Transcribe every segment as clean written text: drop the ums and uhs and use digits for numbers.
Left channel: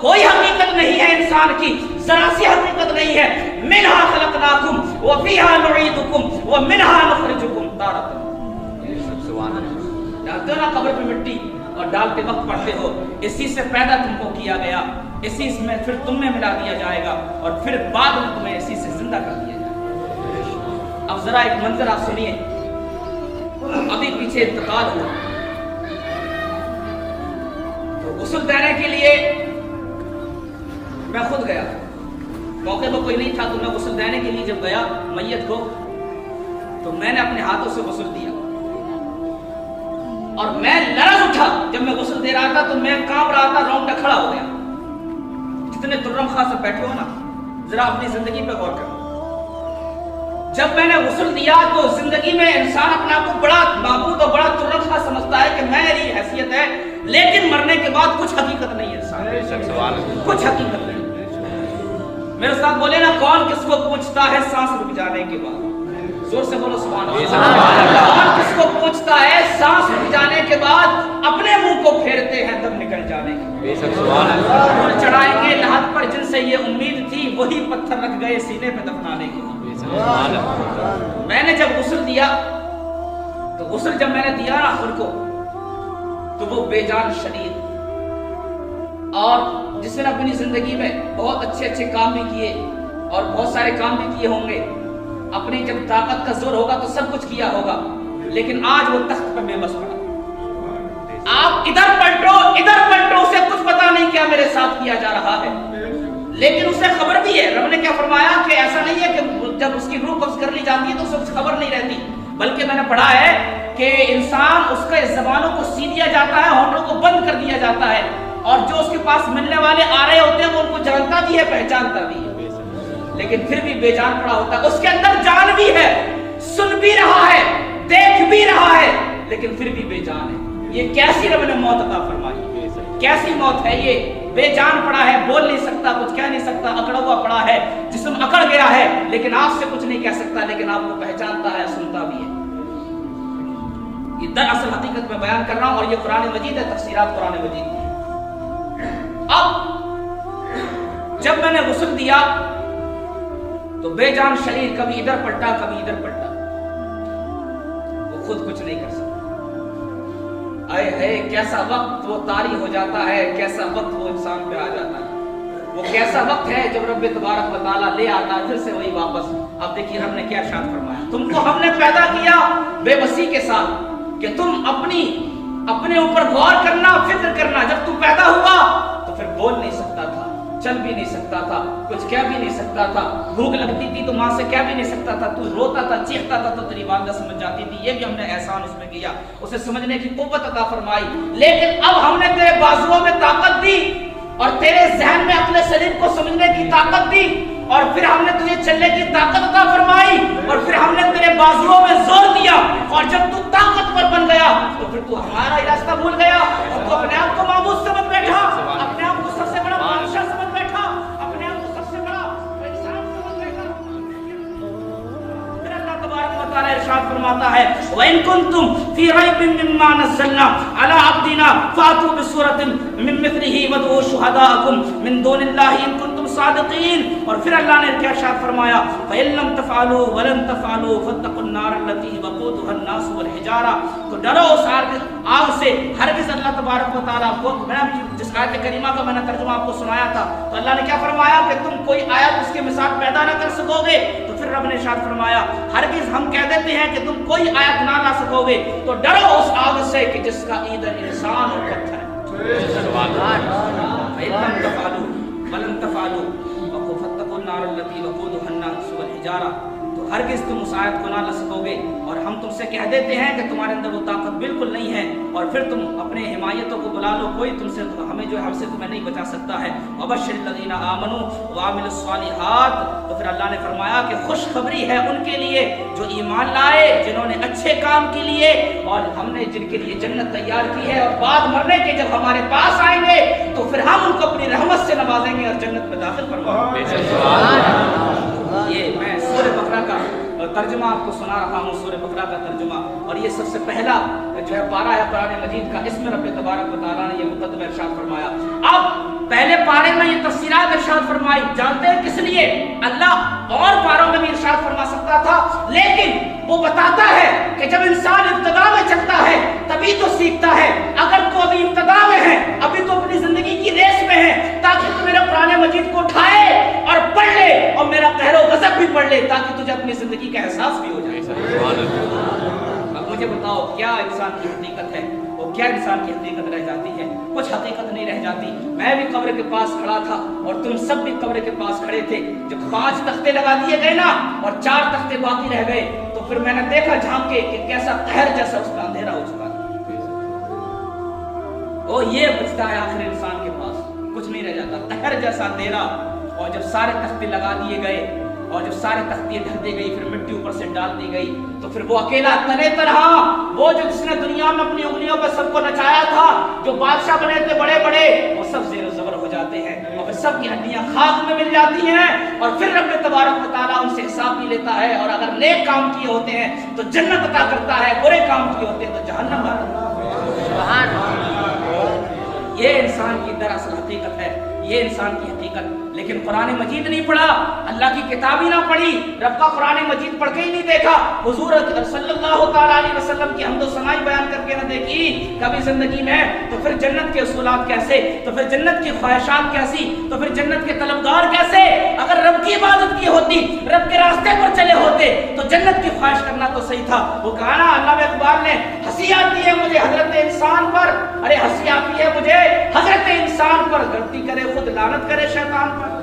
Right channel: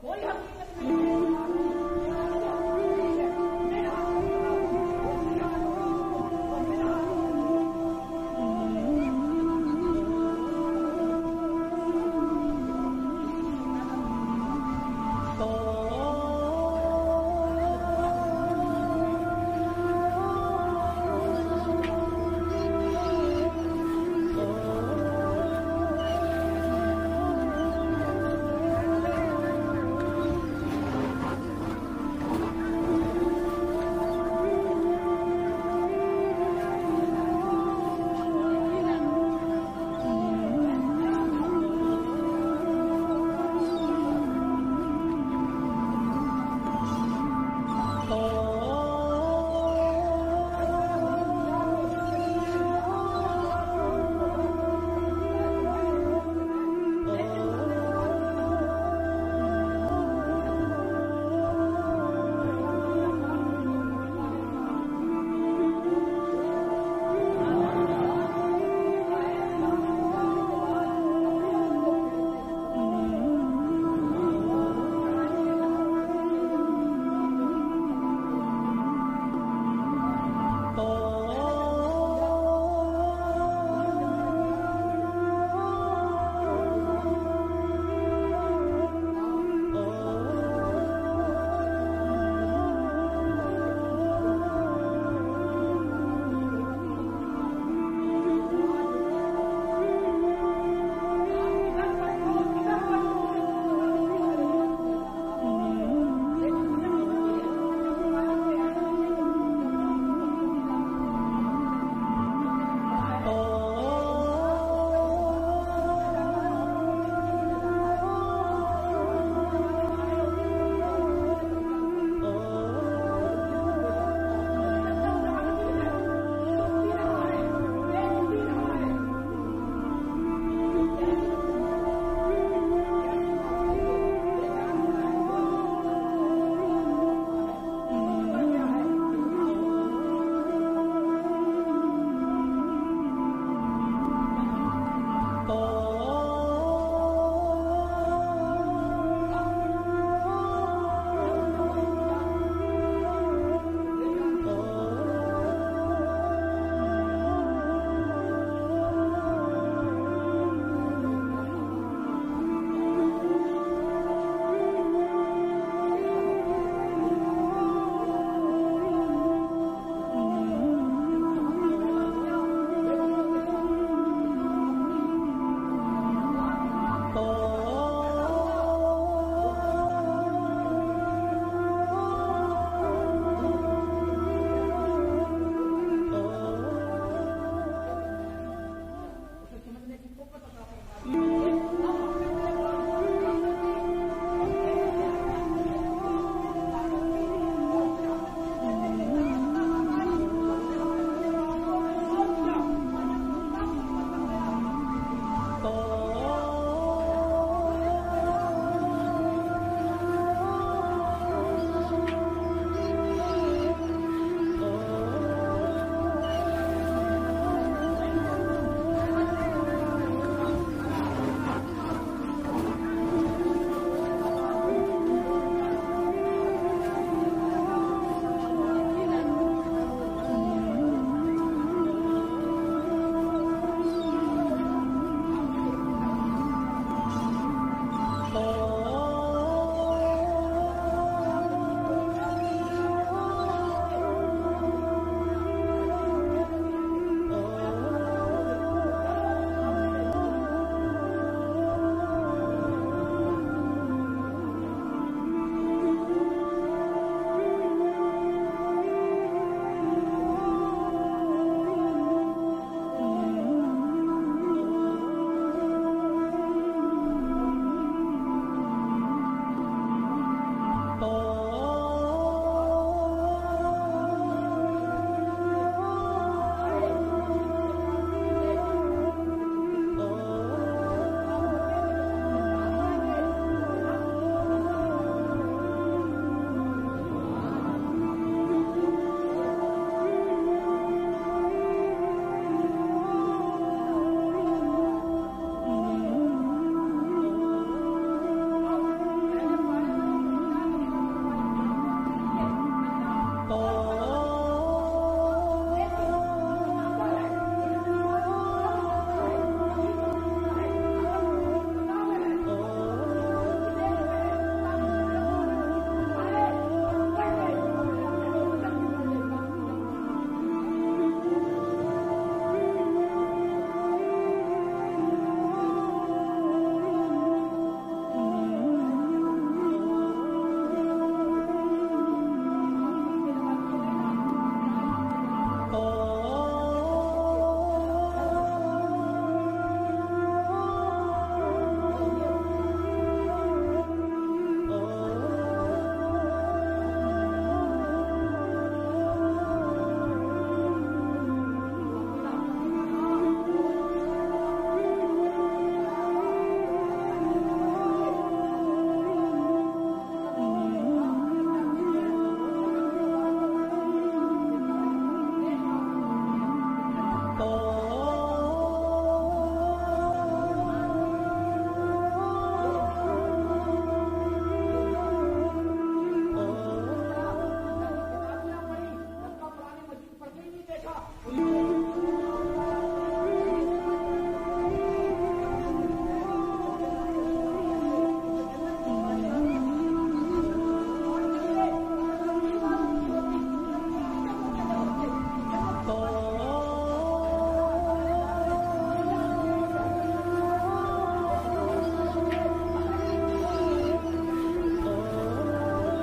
کوئی حقیقت نہیں ہے انسان کی، ذرا سی حقیقت نہیں ہے۔ منہا خلقناکم وفیہا نعیدکم ومنہا نخرجکم تارۃ۔ ڈالتے ہو نا قبر پہ مٹی اور ڈالتے وقت پڑھتے ہو اسی سے پیدا تم کو کیا گیا، اسی میں پھر تم میں ملا دیا جائے گا اور پھر بعد میں تمہیں اسی سے زندہ کر دیا جائے گا۔ اب ذرا ایک منظر آپ سنیے، ابھی پیچھے انتقال ہوا، غسل دینے کے لیے میں خود گیا، موقع پر کوئی نہیں تھا تو میں غسل دینے کے لیے جب گیا میت کو تو میں نے اپنے ہاتھوں سے غسل دیا اور میں لرز اٹھا۔ جب میں غسل دے رہا تھا تو میں کانپ رہا تھا، رونگٹا کھڑا ہو گیا۔ جتنے ترم خاص سے بیٹھے ہو نا، ذرا اپنی زندگی پہ غور کرو۔ جب میں نے غسل دیا تو زندگی میں انسان اپنے آپ کو بڑا معبود اور بڑا ترم خاص سمجھتا ہے کہ میری حیثیت ہے، لیکن مرنے کے بعد کچھ حقیقت نہیں ہے انسان، کچھ حقیقت نہیں۔ میرے ساتھ بولے نا، کون کس کو پوچھتا ہے سانس رک جانے کے بعد؟ زور سے بولو سبحان اللہ۔ کون کس کو پوچھتا ہے سانس رک جانے کے بعد؟ اپنے منہ کو پھیرتے ہیں دم نکل جانے کے بعد۔ چڑھائیں گے لحد پر جن سے یہ امید تھی، وہی پتھر رکھ گئے سینے پہ دفنانے کے بعد۔ میں نے جب غسل دیا تو غسل جب میں نے دیا نا خود کو تو وہ بے جان شریر، اور جس نے اپنی زندگی میں بہت اچھے کام بھی کیے اور بہت سارے کام بھی کیے ہوں گے، اپنی جب طاقت کا زور ہوگا تو سب کچھ کیا ہوگا، لیکن آج وہ تخت پر بے بس پڑا۔ آپ ادھر پلٹو اسے کچھ پتا نہیں کیا میرے ساتھ کیا جا رہا ہے، لیکن اسے خبر بھی ہے۔ رب نے کیا فرمایا کہ ایسا نہیں ہے کہ جب اس کی روح قبض کر لی جاتی ہے تو اسے کچھ خبر نہیں رہتی، بلکہ میں نے پڑھا ہے کہ انسان اس کے زبانوں کو سی دیا جاتا ہے، ہونٹوں کو بند کر دیا جاتا ہے، اور جو اس کے پاس ملنے والے آ رہے ہوتے ہیں وہ ان کو جانتا بھی ہے، پہچانتا بھی ہے، لیکن پھر بھی بے جان پڑا ہوتا ہے۔ اس کے اندر جان بھی ہے، سن بھی رہا ہے، دیکھ بھی رہا ہے، لیکن پھر بھی بے جان ہے۔ یہ کیسی رب نے موت عطا فرمائی، کیسی موت ہے یہ؟ بے جان پڑا ہے، بول نہیں سکتا، کچھ کہہ نہیں سکتا، اکڑا ہوا پڑا ہے، جسم اکڑ گیا ہے، لیکن آپ سے کچھ نہیں کہہ سکتا، لیکن آپ کو پہچانتا ہے، سنتا بھی ہے۔ یہ دراصل حقیقت میں بیان کر رہا ہوں، اور یہ قرآن مجید ہے، تفسیرات قرآن مجید کی۔ اب جب میں نے غسل دیا تو بے جان شریر کبھی ادھر پلٹا کبھی ادھر پلٹا، وہ خود کچھ نہیں کر سکتا۔ اے ہے کیسا وقت وہ طاری ہو جاتا ہے، کیسا وقت وہ انسان پہ آ جاتا ہے، وہ کیسا وقت ہے جب رب تبارک و تعالیٰ لے آتا ہے پھر سے وہی واپس۔ اب دیکھیے رب نے کیا ارشاد فرمایا، تم کو ہم نے پیدا کیا بے بسی کے ساتھ کہ تم اپنے اوپر غور کرنا، فکر کرنا۔ جب تو پیدا ہوا تو پھر بول نہیں سکتا تھا، چل بھی نہیں سکتا تھا، کچھ کہہ بھی نہیں سکتا تھا، بھوک لگتی تھی تو ماں سے کہہ بھی نہیں سکتا تھا، تو روتا تھا چیختا تھا تو تیری والدہ سمجھ جاتی تھی۔ یہ بھی ہم نے احسان اس میں کیا، اسے سمجھنے کی قوت عطا فرمائی۔ لیکن اب ہم نے تیرے بازوؤں میں طاقت دی اور تیرے ذہن میں اپنے شریر کو سمجھنے کی طاقت دی، اور پھر ہم نے تجھے چلنے کی طاقت عطا فرمائی، اور پھر ہم نے تیرے بازوؤں میں زور دیا، اور جب تو طاقتور بن گیا تو پھر تو ہمارا ہی راستہ بھول گیا، تو اپنے آپ کو معبود سمجھ بیٹھا، اپنے آپ کو سب سے بڑا بادشاہ سمجھ بیٹھا، اپنے آپ کو سب سے بڑا انسان سمجھ بیٹھا۔ پھر اللہ تبارک و تعالیٰ ارشاد فرماتا ہے وَإِن كُنتُمْ فِي رَيْبٍ مِّمَّا نَزَّلْنَا عَلَىٰ عَبْدِنَا فَأْتُوا بِسُورَةٍ مِّن مِّثْلِهِ وَادْعُوا شُهَدَاءَكُم مِّن دُونِ اللَّهِ إِن كُنتُمْ صادقین۔ اور پھر اللہ نے کیا ارشاد فرمایا فَإِن لَّمْ تَفْعَلُوا وَلَن تَفْعَلُوا فَاتَّقُوا النَّارَ الَّتِي وَقُودُهَا النَّاسُ وَالْحِجَارَةُ۔ تو ڈرو اس آگ سے، ہرگز اللہ تبارک و تعالیٰ کو، میں جس آیت کریمہ کا میں نے ترجمہ آپ کو سنایا تھا، تو اللہ نے کیا فرمایا کہ تم کوئی آیت اس کے مثال پیدا نہ کر سکو گے، تو پھر رب نے ارشاد فرمایا ہرگز ہم کہہ دیتے ہیں کہ تم کوئی آیت نہ لا سکو گے، تو ڈرو اس آگ سے کہ جس کا ایندھن انسان اور پتھر ہے۔ فَإِن لَّمْ تَفْعَلُوا وَلَن تَفْعَلُوا فَاتَّقُوا النَّارَ الَّتِي وَقُودُهَا النَّاسُ وَالْحِجَارَةُ۔ تو ہرگز تم اس آیت کو نہ لا سکو گے، اور ہم تم سے کہہ دیتے ہیں کہ تمہارے اندر وہ طاقت بالکل نہیں ہے، اور پھر تم اپنے حمایتوں کو بلا لو، کوئی تم سے ہمیں جو ہے ہم سے تمہیں نہیں بچا سکتا ہے۔ وَبَشِّرِ الَّذِينَ آمَنُوا وَعَمِلُوا الصَّالِحَاتِ۔ تو پھر اللہ نے فرمایا کہ خوشخبری ہے ان کے لیے جو ایمان لائے، جنہوں نے اچھے کام کے لیے، اور ہم نے جن کے لیے جنت تیار کی ہے، اور بعد مرنے کے جب ہمارے پاس آئیں گے تو پھر ہم ان کو اپنی رحمت سے نوازیں گے اور جنت میں داخل فرمائیں گے۔ یہ میں سورہ بقرہ کا ترجمہ آپ کو سنا رہا ہوں، سورہ بقرہ کا ترجمہ، اور یہ سب سے پہلا جو ہے پارہ ہے قرآن مجید کا، اس میں رب تبارک و تعالیٰ نے یہ مقدمہ ارشاد فرمایا۔ اب पहले पारे में ये तफसीरात इरशाद फरमाई, जानते हैं किस लिए? अल्लाह और पारों में भी इरशाद फरमा सकता था, लेकिन वो बताता है कि जब इंसान इब्तिदा में चलता है तभी तो सीखता है। अगर तो अभी इब्तिदा में है, अभी तो अपनी जिंदगी की रेस में है, ताकि तू मेरे कुरान मजीद को उठाए और पढ़ ले और मेरा कहरो गज़ब भी पढ़ ले, ताकि तुझे अपनी जिंदगी का एहसास भी हो जाए। अब मुझे बताओ क्या इंसान की हकीकत है और क्या इंसान की हकीकत रह जाती है? कुछ हकीकत नहीं रह जाती। मैं भी कब्र के पास खड़ा था और तुम सब भी कब्र के पास खड़े थे। जब 5 तख्ते लगा दिए गए ना और 4 तख्ते बाकी रह गए, तो फिर मैंने देखा झांक के कि कैसा कहर जैसा उसका अंधेरा हो चुका है। वो ये बचता है आखिर इंसान के पास, कुछ नहीं रह जाता, कहर जैसा अंधेरा। और जब सारे तख्ते लगा दिए गए और जब सारे तख्ते ढक दी गई, फिर मिट्टी ऊपर से डाल दी गई, तो फिर वो अकेला तने तरह, वो जो जिसने दुनिया में अपनी उंगलियों पर सबको नचाया था, जो बादशाह बने थे बड़े बड़े, वो सब ज़ेरो ज़बर हो जाते हैं और फिर सबकी हड्डियां खाक में मिल जाती हैं। और फिर रब तबारक व तआला उनसे हिसाब भी लेता है, और अगर नेक काम किए होते हैं तो जन्नत अता करता है, बुरे काम किए होते हैं तो जहन्नम आता है। ये इंसान की दरअसल हकीकत है, ये इंसान की हकीकत। लेकिन कुरान मजीद नहीं पढ़ा, अल्लाह की किताब ही ना पढ़ी, रब का कुरान मजीद पढ़ के ही नहीं देखा, हुजूर सल्लल्लाहु अलैहि वसल्लम की हमदो सनाई बयान करके न देखी कभी जिंदगी में, तो फिर जन्नत के उसूलात कैसे, तो फिर जन्नत की ख्वाहिशात कैसी, तो फिर जन्नत के तलबगार कैसे? अगर रब की इबादत की होती, रब के रास्ते पर चले होते, तो जन्नत की ख्वाहिश करना तो सही था। वो कहा ना अल्लाह इकबाल ने, हंसी आती है मुझे हजरत इंसान पर, अरे हंसी आती है मुझे हजरत इंसान पर, गलती करे खुद लानत करे शैतान पर।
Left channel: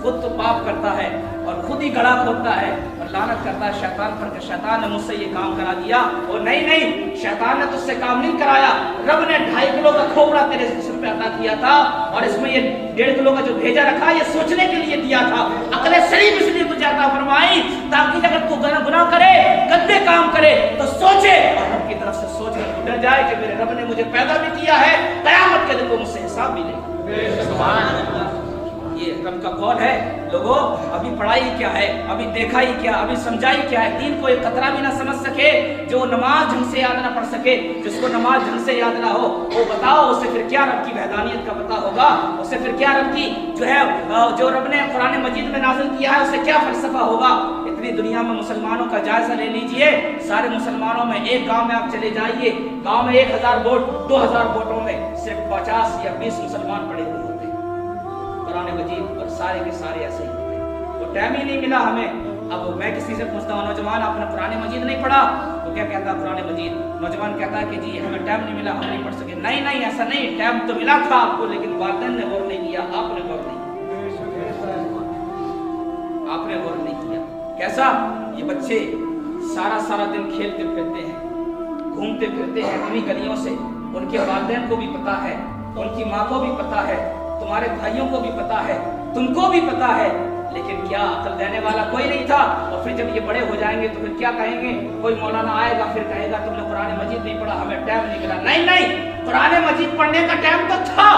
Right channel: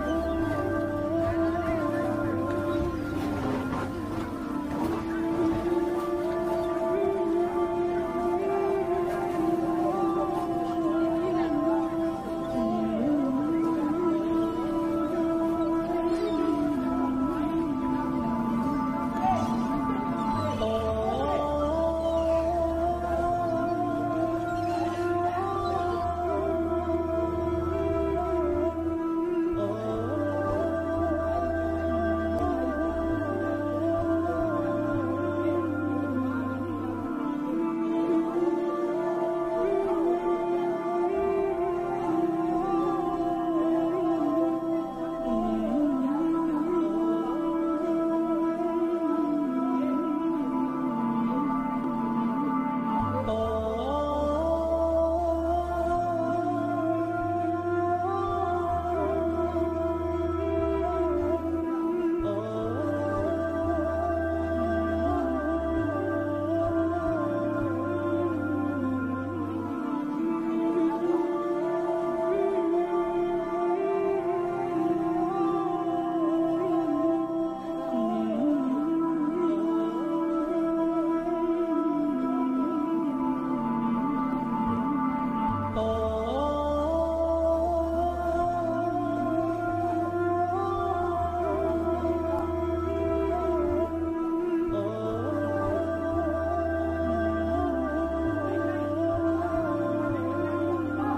खुद तो पाप करता है और खुद ही गड़ा खोलता है और लानत करता है शैतान पर कि शैतान ने मुझसे ये काम करा दिया। और नहीं, शैतान ने तुझसे काम नहीं कराया, रब ने 2.5 किलो का खोपड़ा तेरे सिर पे अता किया था, और इसमें ये 1.5 किलो का जो भेजा रखा ये सोचने के लिए दिया था, अकले शरीफ इसलिए तुझे अता फरमाई ताकि अगर तू गुनाह करे, गंदे काम करे तो सोचे और रब की तरफ से सोच कर डर जाए कि मेरे रब ने मुझे पैदा भी किया है, क़यामत के दिन वो मुझसे हिसाब भी लेगा। सुभान अल्लाह, ये रब का कौल है। लोगों, अभी पढ़ाई क्या है, अभी देखा ही क्या, अभी समझा ही क्या है, दीन को एक खतरा भी ना समझ सके, जो नमाज ढंग से याद ना पढ़ सके, जिसको नमाज ढंग से याद ना हो, वो बताओ उसे फिर क्या रब की वहदानियत का पता होगा, उसे फिर क्या रब की जो रब ने कुरान मजीद में नाज़िल किया है उसे क्या फलसफा होगा। इतनी दुनिया में मुसलमानों का जायजा ले लीजिए, सारे मुसलमानों में एक गांव में आप चले जाइए, गांव में 1000 वोट, 2000 वोटों में सिर्फ 50 या 20 मुसलमान पड़े हुए होते हैं कुरान मजीद पर, सारे के सारे ऐसे। तो टाइम ही नहीं मिला हमें। अब मैं किसी से पूछता हूँ, नौजवान आपने कुरान मजीद नहीं पढ़ा? तो क्या कहता है कुरान मजीद? नौजवान कहता है कि जी हमें टाइम नहीं मिला, हम नहीं पढ़ सके। नहीं, ऐसा नहीं, टाइम तो मिला था आपको, लेकिन वालिदैन ने गौर नहीं किया, आपने गौर नहीं किया, आपने गौर नहीं किया। कैसा? ये बच्चे सारा दिन खेलते फिरते हैं, घूमते फिरते हैं इन्हीं गलियों से, उनके वालिदैन को भी पता है, उनकी माँ को भी पता है, तुम्हारे भाइयों को भी पता है, तुमको भी पता है, लेकिन क्या अकल देने वाला कोई नहीं था। और फिर जब ये बड़े हो जाएंगे तो फिर क्या कहेंगे? कोई मौलाना आएगा फिर कहेगा तुमने कुरान मजीद नहीं पढ़ा, हमें टाइम नहीं मिला। नहीं, कुरान मजीद पढ़ने का टाइम तो था,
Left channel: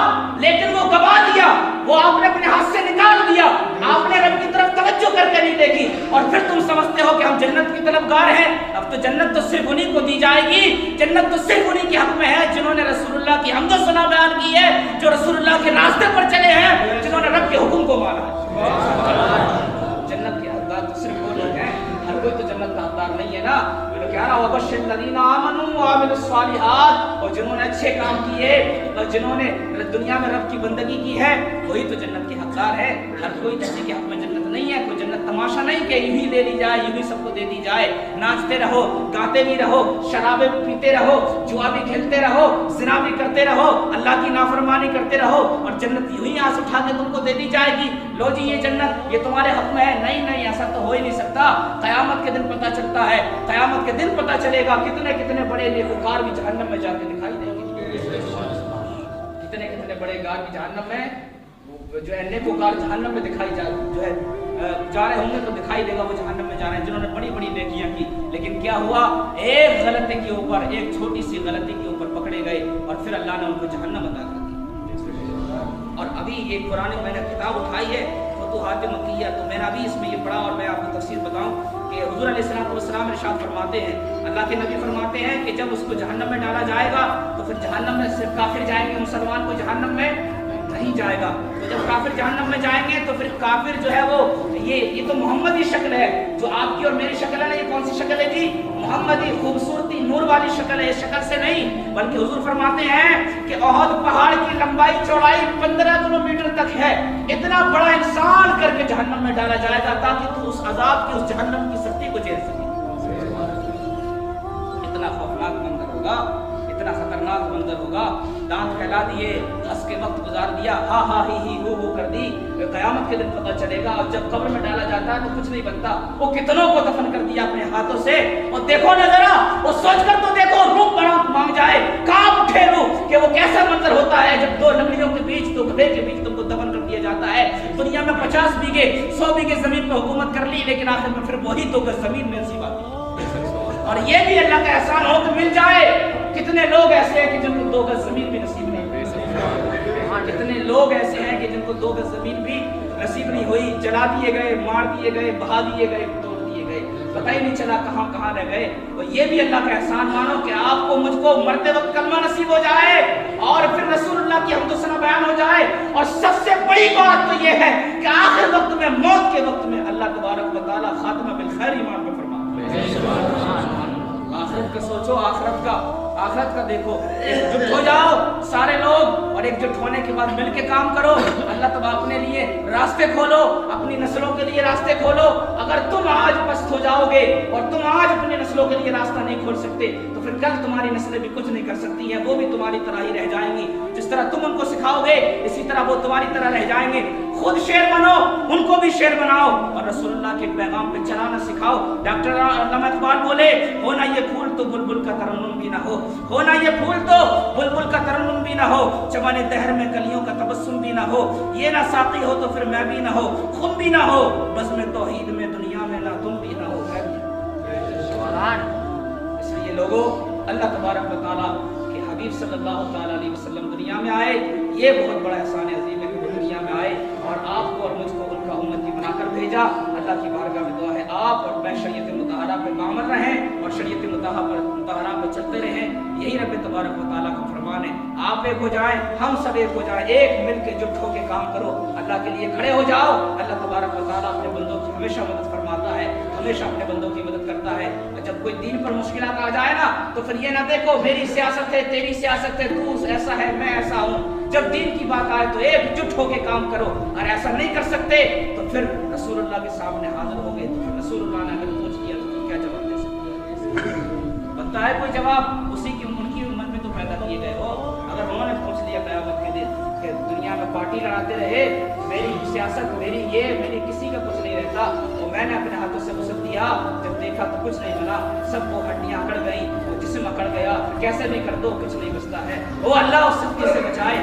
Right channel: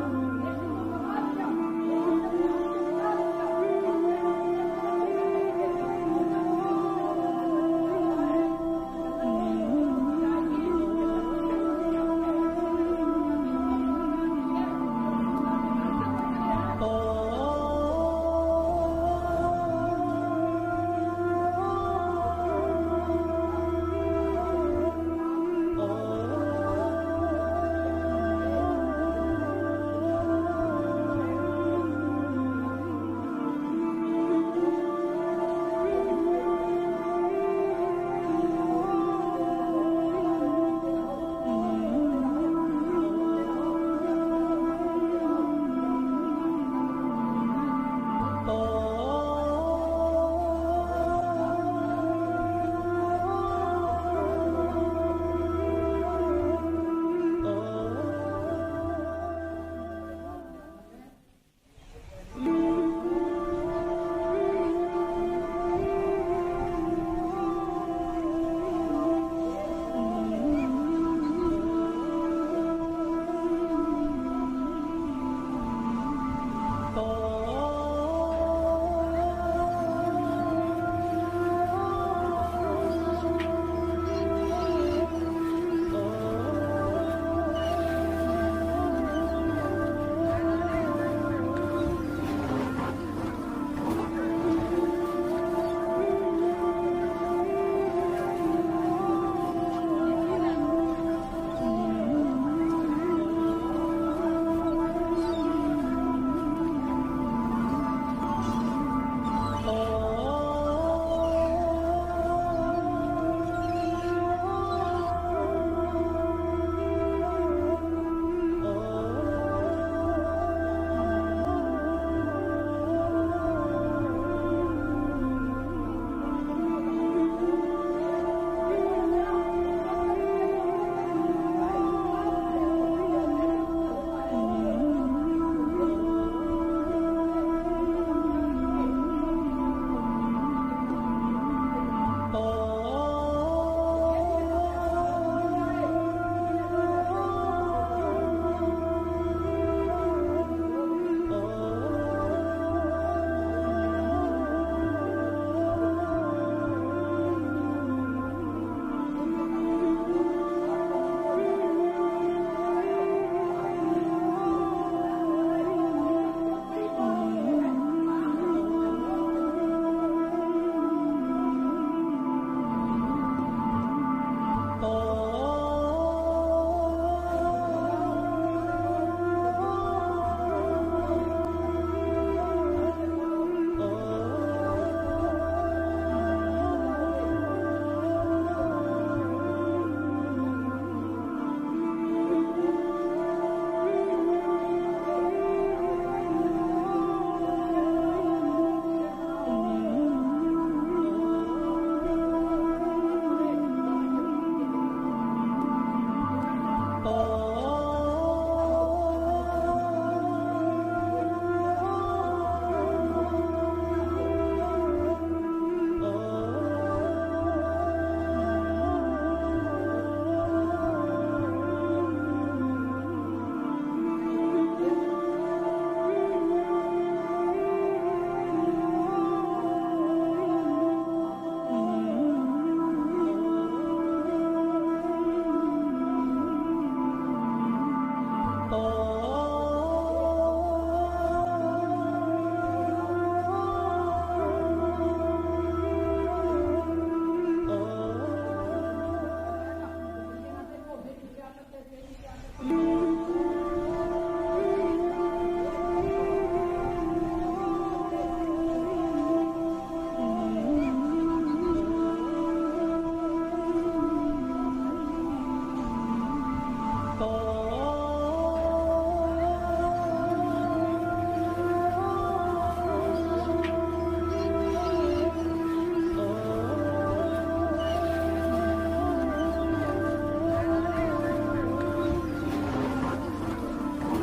लेकिन वो गवा दिया, वो आपने अपने हाथ से निकाल दिया, आपने रब की तरफ तवज्जो करके नहीं देखी, और फिर तुम समझते हो कि हम जन्नत की तलबगार हैं। अब तो जन्नत तो सिर्फ उन्हीं को दी जाएगी, जन्नत तो सिर्फ उन्हीं के हक में है जिन्होंने रसूलुल्लाह की हमदो सना बयान की है, जो रसूलुल्लाह के रास्ते पर चले हैं, जिन्होंने रब के हुक्म को माना। जन्नत के हकदार तो सिर्फ वो लोग हैं, हर कोई तो जन्नत का हकदार नहीं है ना। क्या रहा वबश्शिर लदीना आमनू व अमिलुस सालिहात, और जिन्होंने अच्छे काम किए और जिन्होंने दुनिया में रब की बंदगी की है, वही तो जन्नत के हकदार है। हर कोई किसी के हक में जन्नत नहीं है, कोई जन्नत तमाशा नहीं कि यूं ही दे दी जाए, यूं ही सबको दे दी जाए। नाचते रहो, गाते भी रहो, शराबे पीते रहो, जुआ भी खेलते रहो, ज़िना भी करते रहो, अल्लाह की नाफरमानी करते रहो, और जन्नत यूं ही आंस उठा के तुमको दे दी जाएगी, लो जी ये जन्नत ये तुम्हारे हक में है। नहीं, ऐसा तो हो ही नहीं सकता। क़यामत के दिन पता चलता है, क़यामत के दिन पता चलेगा कितने बड़े नेकूकार भी जहन्नम में जाके दिखाई देंगे, कितने बड़े गार भी जहन्नम में, जो है नेकूकार जहन्नम में दिखाई जा रहे होंगे तो दिखाई देगा वो जहन्नम में जा रहे हैं, जिन्होंने बड़ी नेकियां की। लेकिन क्या हुआ? एक गलती के ऊपर, एक छोटी सी गलती के ऊपर पकड़े गए और फिर अल्लाह ने उनको जहन्नम अता की। और अभी ये कुरान मैंने किताब उठाई है हातिम मक्की है, तो मैंने अभी इसमें ये पढ़ा और मैं आपको तफसीर बताऊं कि हुज़ूर अलैहिस्सलाम इरशाद फरमाते हैं, अल्लाह के नबी फरमाते हैं कि जब उसको जहन्नम में डाला जाएगा तो फिर जहन्नम में सिर्फ काफिर जाएंगे, मुसलमान को जहन्नम में नहीं जाएगा। तो जब काफिर जहन्नम में जाएंगे तो फिर काफिर जो है वो ये तो मोहम्मदी शक्ल है, जो आपकी और मेरी शक्ल है ना, ये कौन सी शक्ल है जी? मोहम्मदी खूबसूरती नूर वाली शक्ल है, शक्ल से नहीं। बल्कि हुजूर फरमाते हैं कि ओहद पहाड़ की लंबाई चौड़ाई 15 किलोमीटर तक है, इतना बड़ा इंसान करके जहन्नम में डाला जाएगा ताकि तू उस अजाब की, उस जहन्नम की सख्ती को झेल सके। इतना खौफनाक मंजर होगा, इतना खतरनाक मंजर होगा। दांत फैला दिए, हंस के वक्त गुजार दिया, हा हा ही हो कर दी, क़यामत के दिन पता चलेगा। अब जब कब्र में डाला जाता है तो कुछ नहीं बनता, वो कितनों को दफन कर दिया अपने हाथों से। और देखो ना जरा, वो सोचकर तो देखो, रूह बड़ा मांग जाए, कांप उठे रूह कि वो कैसा मंजर होता है जब दो लकड़ियों के बीच, दो घड़े के बीच तुमको दफन कर दिया जाता है। दुनिया में 50 बीघे 100 बीघे जमीन पर हुकूमत कर ली, लेकिन आखिर में फिर वही तो जमीन में सी बात। और ये भी अल्लाह का एहसान हो तो मिल जाए। कितने लोग ऐसे हैं कि जिनको 2 गज जमीन भी नसीब नहीं हुई। हाँ, कितने लोग ऐसे हैं कि जिनको 2 गज जमीन भी नसीब नहीं हुई, जला दिए गए, मार दिए गए, बहा दिए गए, तोड़ दिए गए, पता ही नहीं चला कहाँ कहाँ रह गए। तो ये भी अल्लाह का एहसान मानो कि आपको मुझको मरते वक्त कलमा नसीब हो जाए और फिर रसूलुल्लाह की हमदो सना बयान हो जाए। और सबसे बड़ी बात तो ये है कि आखिर वक्त में, मौत के वक्त में अल्लाह तबारक व तआला खातिमा बिल खैर ईमान पर फरमाता है। आखिरत का सोचो, आखिरत का देखो, एकजुट हो जाओ सारे लोग, और एकजुट होने के बाद मिलके काम करो। अल्लाह तबारक अपने लिए रास्ते खोलो, अपनी नस्लों के लिए रास्ते खोलो। अगर तुम आज पस्त हो जाओगे और तुम आज अपनी नस्लों के लिए रास्ता नहीं खोल सकते तो फिर कल तुम्हारी नस्लें भी कुछ नहीं कर सकती हैं, वो भी तुम्हारी तरह ही रह जाएंगी। जिस तरह तुम उनको सिखाओगे इसी तरह वो तुम्हारी तरह रह जाएंगे। खुद शेर बनो, उनको भी शेर बनाओ और रसूलुल्लाह के पैगाम पे चलाना सिखाओ। डॉक्टर अल्लामा इकबाल बोले, हो ना ये फूल तो बुलबुल का तरन्नुम भी ना हो ना ये फूल तो बुलबुल का तरन्नुम भी ना हो, चमने दहर में कलियों का तबस्सुम भी ना हो, ये ना साकी हो तो फिर मैं भी ना हो, खुद भी ना हो, बस मैं तौहीद में दुनिया में ना तुम भी ना हो। इसलिए लोगों, अल्लाह तबारक व तआला के हबीब सल्लल्लाहु तआला अलैहि वसल्लम दुनिया में आए, ये बहुत बड़ा एहसान है अज़ीम है कि दुनिया में आए और आपको और मुझको उनका उम्मती बनाकर भेजा। अल्लाह की बारगाह में दुआ है आप और मैं शरीयत मुतहरा पे कामल रहें और शरीयत मुतहरा पे चलते रहें। यही रब तबारक व तआला का फरमान है। आप एक हो जाएं, हम सब एक हो जाएं, एक मिलकर जुट होकर काम करो, अल्लाह के लिए खड़े हो जाओ। अल्लाह तबारक व तआला अपने बंदों की हमेशा मदद फरमाता है, हमेशा अपने बंदों की मदद करता है। जब कोई दीन पर मुश्किलात आ जाए ना तो फिर ये ना देखो मेरी सियासत है, तेरी सियासत है, तू ऐसा है, मैं ऐसा हूँ। जब दीन की बात आए तो एकजुट होकर काम करो, और ऐसा नहीं कर सकते तो फिर रसूलुल्लाह के सामने हाजिर होंगे। रसूलुल्लाह ने अगर पूछ किया तो क्या जवाब दे सकते? बनता है कोई जवाब? उसी की उनकी उम्मत में तो पैदा किए गए हो। अगर उन्होंने पूछ लिया क़यामत के दिन कि दुनिया में पार्टी लड़ाते रहे, मेरी सियासत, मेरी ये, मेरी किसी का कुछ नहीं रहता, तो मैंने अपने हाथों से वसत दिया, जब देखा तो कुछ नहीं मिला, सबको हड्डियां अकड़ गई, जिस्म अकड़ गया, कैसे भी कर दो कुछ नहीं बचता है। वो अल्लाह उस सख्ती से बचाए।